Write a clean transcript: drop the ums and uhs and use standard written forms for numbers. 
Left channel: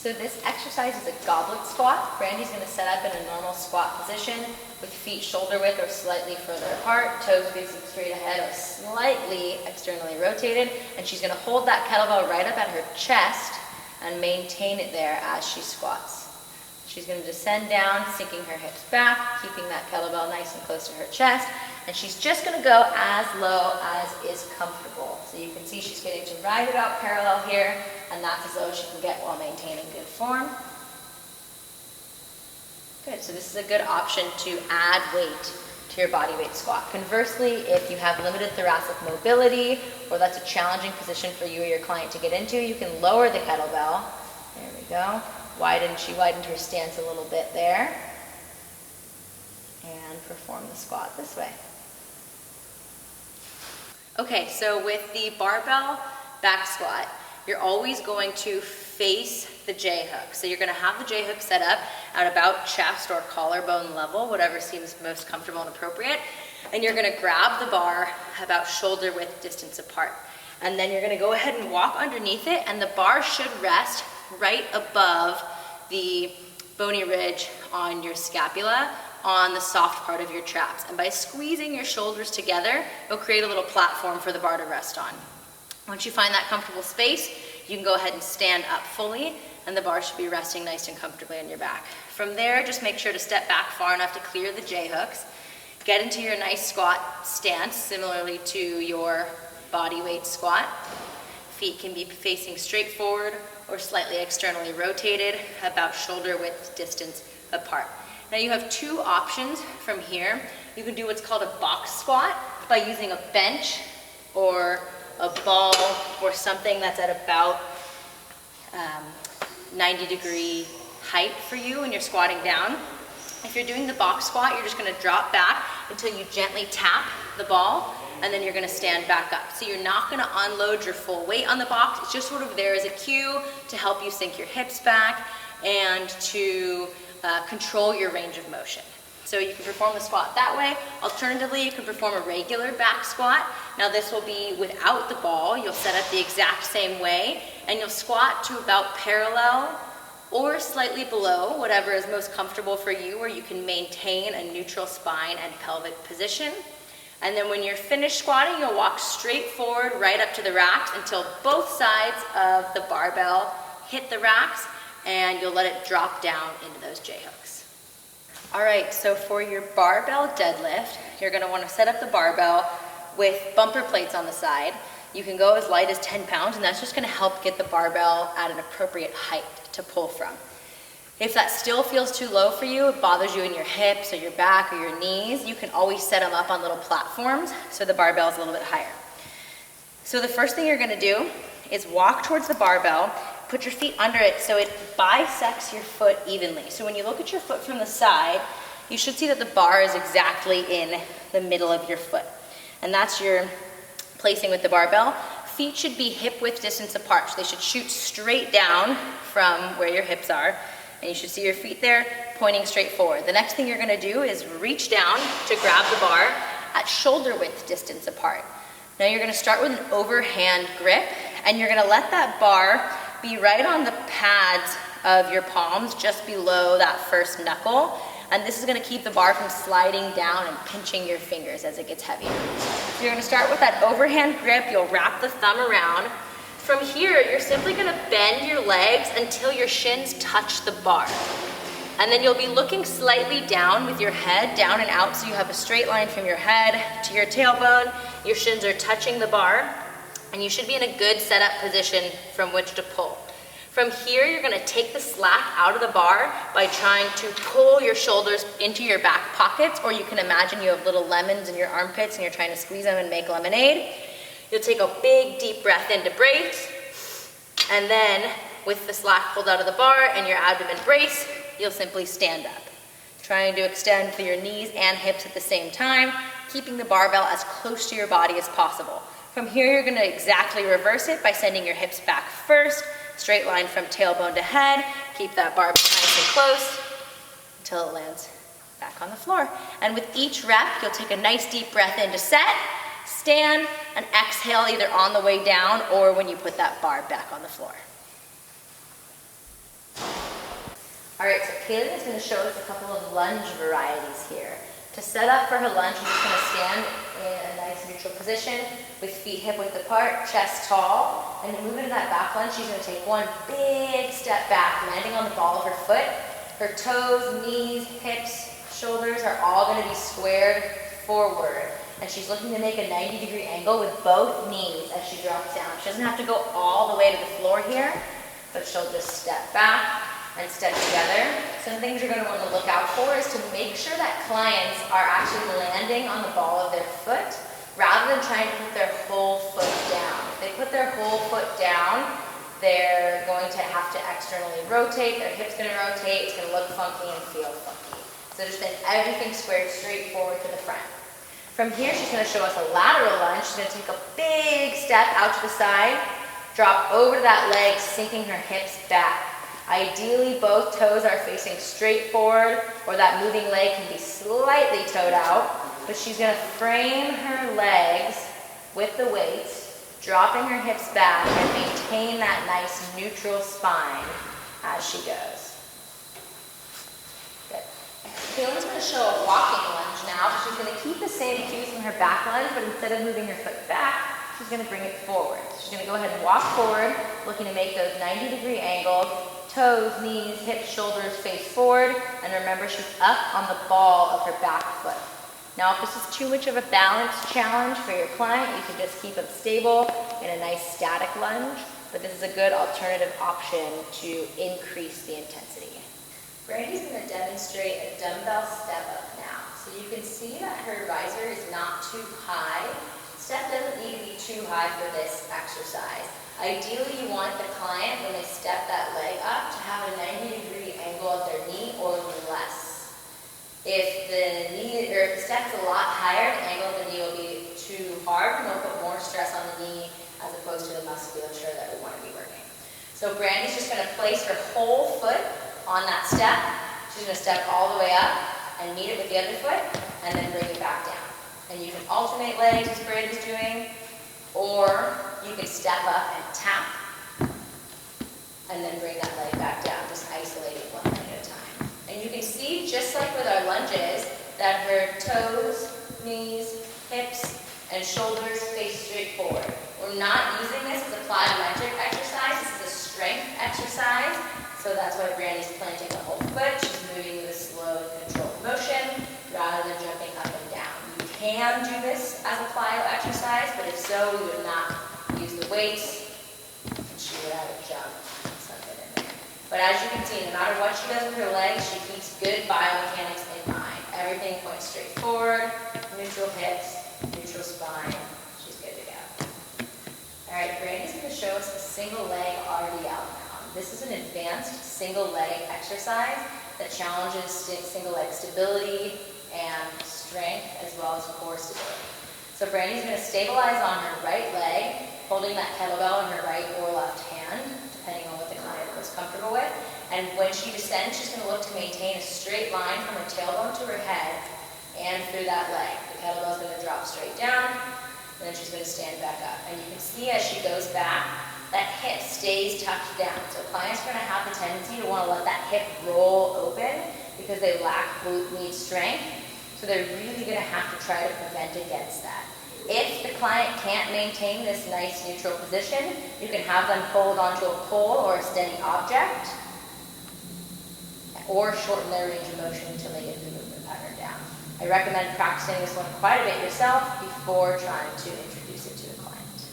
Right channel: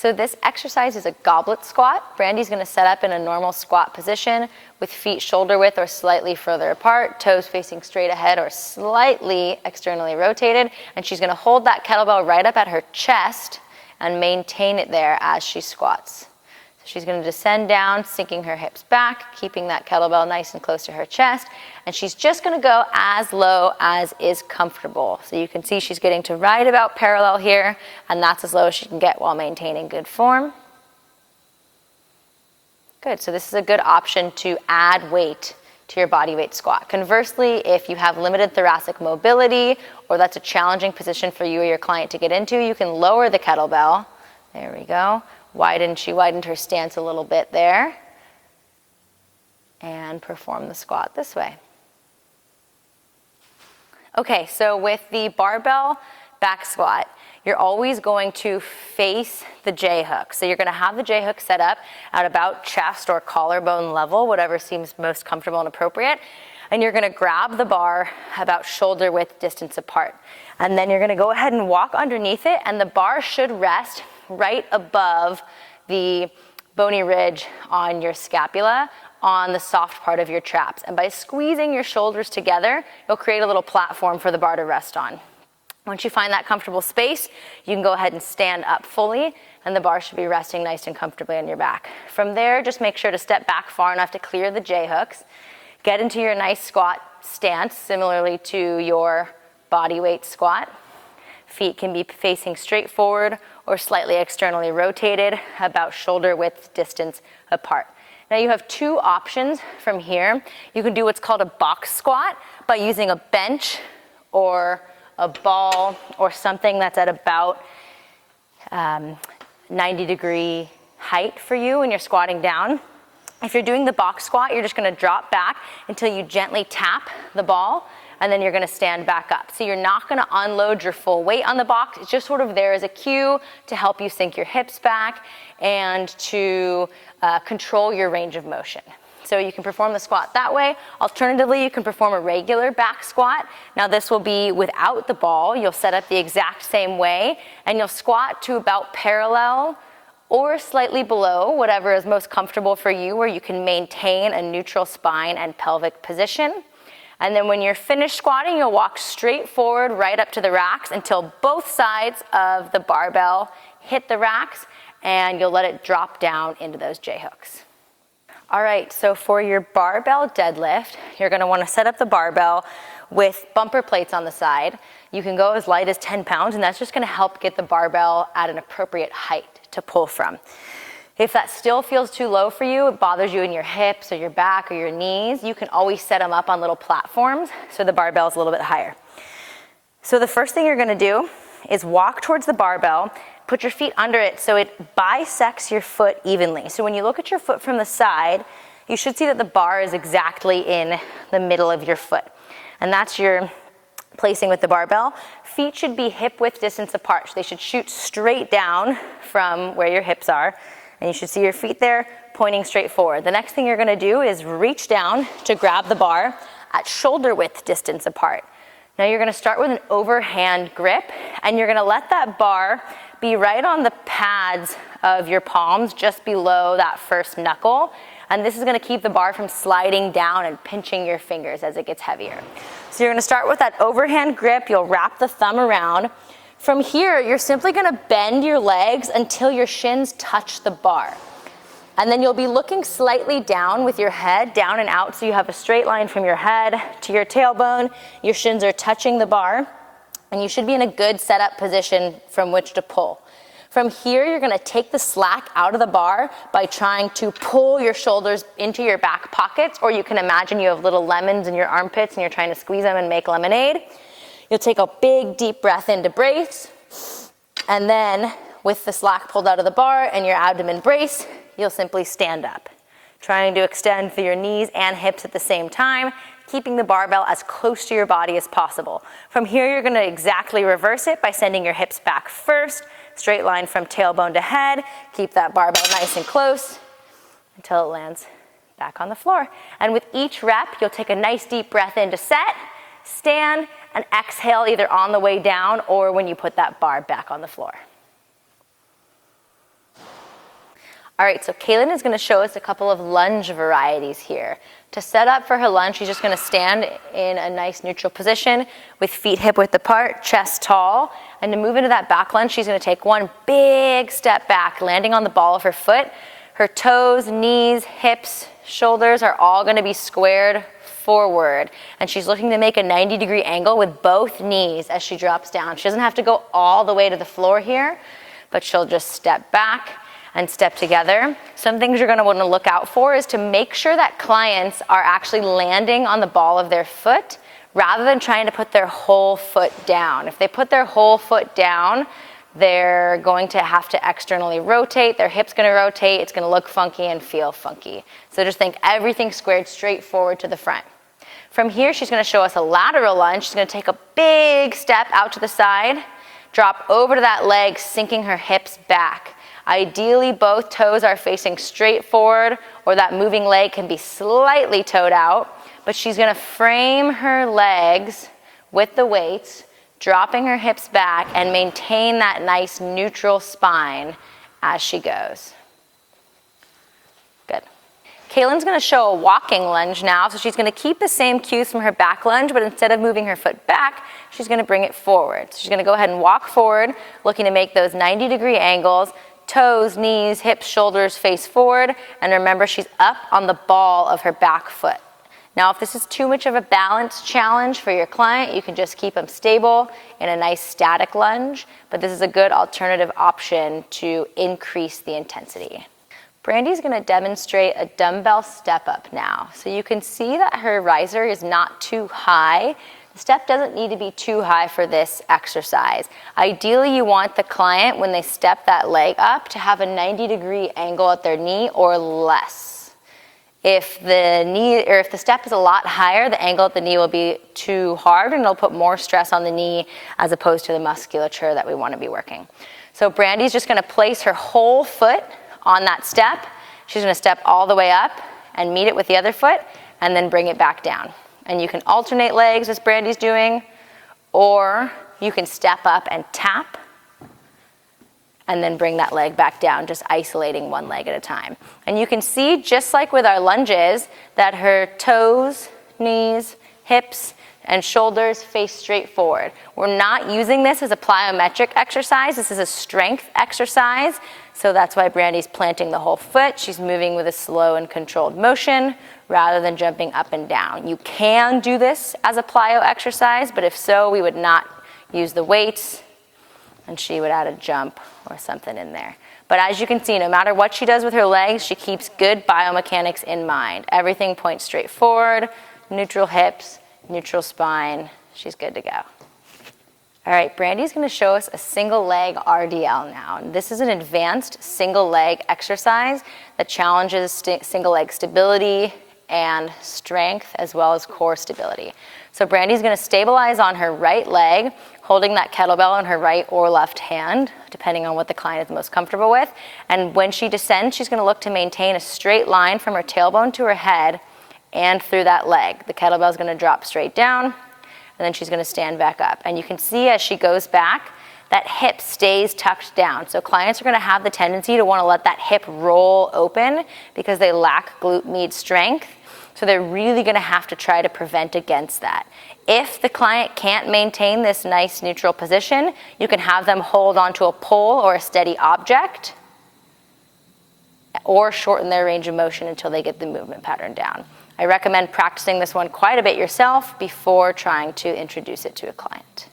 So this exercise is a goblet squat. Brandy's gonna set up in a normal squat position with feet shoulder width or slightly further apart, toes facing straight ahead or slightly externally rotated, and she's gonna hold that kettlebell right up at her chest and maintain it there as she squats. She's gonna descend down, sinking her hips back, keeping that kettlebell nice and close to her chest, and she's just gonna go as low as is comfortable. So you can see she's getting to right about parallel here, and that's as low as she can get while maintaining good form. Good, so this is a good option to add weight to your body weight squat. Conversely, if you have limited thoracic mobility, or that's a challenging position for you or your client to get into, you can lower the kettlebell. There we go. She widened her stance a little bit there. And perform the squat this way. Okay, so with the barbell back squat, you're always going to face the J-hook. So you're gonna have the J-hook set up at about chest or collarbone level, whatever seems most comfortable and appropriate. And you're gonna grab the bar about shoulder width distance apart. And then you're gonna go ahead and walk underneath it, and the bar should rest right above the bony ridge on your scapula, on the soft part of your traps. And by squeezing your shoulders together, you'll create a little platform for the bar to rest on. Once you find that comfortable space, you can go ahead and stand up fully, and the bar should be resting nice and comfortably on your back. From there, just make sure to step back far enough to clear the J-hooks. Get into your nice squat stance, similarly to your body weight squat. Feet can be facing straight forward or slightly externally rotated, about shoulder width distance apart. Now you have two options from here. You can do what's called a box squat by using a bench or a ball or something that's at about 90-degree height for you when you're squatting down. If you're doing the box squat, you're just gonna drop back until you gently tap the ball, and then you're gonna stand back up. So you're not gonna unload your full weight on the box. It's just sort of there as a cue to help you sink your hips back and to control your range of motion. So you can perform the squat that way. Alternatively, you can perform a regular back squat. Now this will be without the ball. You'll set up the exact same way, and you'll squat to about parallel or slightly below, whatever is most comfortable for you, where you can maintain a neutral spine and pelvic position. And then when you're finished squatting, you'll walk straight forward right up to the racks until both sides of the barbell hit the racks, and you'll let it drop down into those J-hooks. All right, so for your barbell deadlift, you're gonna wanna set up the barbell with bumper plates on the side. You can go as light as 10 pounds, and that's just gonna help get the barbell at an appropriate height to pull from. If that still feels too low for you, it bothers you in your hips or your back or your knees, you can always set them up on little platforms so the barbell is a little bit higher. So the first thing you're gonna do is walk towards the barbell, put your feet under it so it bisects your foot evenly. So when you look at your foot from the side, you should see that the bar is exactly in the middle of your foot. And that's your placing with the barbell. Feet should be hip width distance apart. So they should shoot straight down from where your hips are. And you should see your feet there pointing straight forward. The next thing you're gonna do is reach down to grab the bar at shoulder width distance apart. Now you're gonna start with an overhand grip, and you're gonna let that bar be right on the pads of your palms, just below that first knuckle. And this is gonna keep the bar from sliding down and pinching your fingers as it gets heavier. So you're gonna start with that overhand grip. You'll wrap the thumb around. From here, you're simply gonna bend your legs until your shins touch the bar. And then you'll be looking slightly down with your head, down and out, so you have a straight line from your head to your tailbone. Your shins are touching the bar, and you should be in a good setup position from which to pull. From here, you're gonna take the slack out of the bar by trying to pull your shoulders into your back pockets, or you can imagine you have little lemons in your armpits and you're trying to squeeze them and make lemonade. You'll take a big, deep breath in to brace, and then with the slack pulled out of the bar and your abdomen brace, you'll simply stand up, trying to extend through your knees and hips at the same time, keeping the barbell as close to your body as possible. From here, you're gonna exactly reverse it by sending your hips back first, straight line from tailbone to head. Keep that barbell nice and close until it lands back on the floor. And with each rep, you'll take a nice deep breath in to set, stand, and exhale either on the way down or when you put that bar back on the floor. All right, so Kaylin is gonna show us a couple of lunge varieties here. To set up for her lunge, she's just gonna stand in a nice neutral position with feet hip width apart, chest tall. And to move into that back lunge, she's gonna take one big step back, landing on the ball of her foot. Her toes, knees, hips, shoulders are all gonna be squared forward. And she's looking to make a 90-degree angle with both knees as she drops down. She doesn't have to go all the way to the floor here, but she'll just step back and step together. Some things you're gonna wanna look out for is to make sure that clients are actually landing on the ball of their foot rather than trying to put their whole foot down. If they put their whole foot down, they're going to have to externally rotate, their hip's gonna rotate, it's gonna look funky and feel funky. So just think everything squared straight forward to the front. From here, she's gonna show us a lateral lunge. She's gonna take a big step out to the side, drop over to that leg, sinking her hips back. Ideally, both toes are facing straight forward, or that moving leg can be slightly toed out, but she's gonna frame her legs with the weights, dropping her hips back and maintain that nice neutral spine as she goes. Good. Kaylin's gonna show a walking lunge now, so she's gonna keep the same cues from her back lunge, but instead of moving her foot back, she's gonna bring it forward. So she's gonna go ahead and walk forward, looking to make those 90-degree angles, toes, knees, hips, shoulders face forward, and remember she's up on the ball of her back foot. Now if this is too much of a balance challenge for your client, you can just keep them stable in a nice static lunge, but this is a good alternative option to increase the intensity. Brandy's gonna demonstrate a dumbbell step up now. So you can see that her riser is not too high. The step doesn't need to be too high for this exercise. Ideally, you want the client, when they step that leg up, to have a 90-degree angle at their knee or less. If the step is a lot higher, the angle at the knee will be too hard and it'll put more stress on the knee as opposed to the musculature that we want to be working. So Brandy's just going to place her whole foot on that step. She's going to step all the way up and meet it with the other foot and then bring it back down. And you can alternate legs as Brandy's doing, or you can step up and tap and then bring that leg back down, just isolating one leg at a time. And you can see, just like with our lunges, that her toes, knees, hips, and shoulders face straight forward. We're not using this as a plyometric exercise. This is a strength exercise. So that's why Brandy's planting the whole foot. She's moving with a slow and controlled motion rather than jumping up and down. You can do this as a plyo exercise, but if so, we would not use the weights, and she would add a jump or something in there. But as you can see, no matter what she does with her legs, she keeps good biomechanics in mind. Everything points straight forward, neutral hips, neutral spine. She's good to go. All right, Brandy's gonna show us a single leg RDL now. This is an advanced single leg exercise that challenges single leg stability and strength as well as core stability. So Brandy's gonna stabilize on her right leg, holding that kettlebell in her right or left hand, depending on what the client is most comfortable with. And when she descends, she's gonna look to maintain a straight line from her tailbone to her head and through that leg. The kettlebell's gonna drop straight down, and then she's gonna stand back up. And you can see as she goes back, that hip stays tucked down. So clients are gonna have the tendency to wanna let that hip roll open because they lack glute med strength. So they're really gonna have to try to prevent against that. If the client can't maintain this nice neutral position, you can have them hold onto a pole or a steady object, or shorten their range of motion until they get the movement pattern down. I recommend practicing this one quite a bit yourself before trying to introduce it to a client.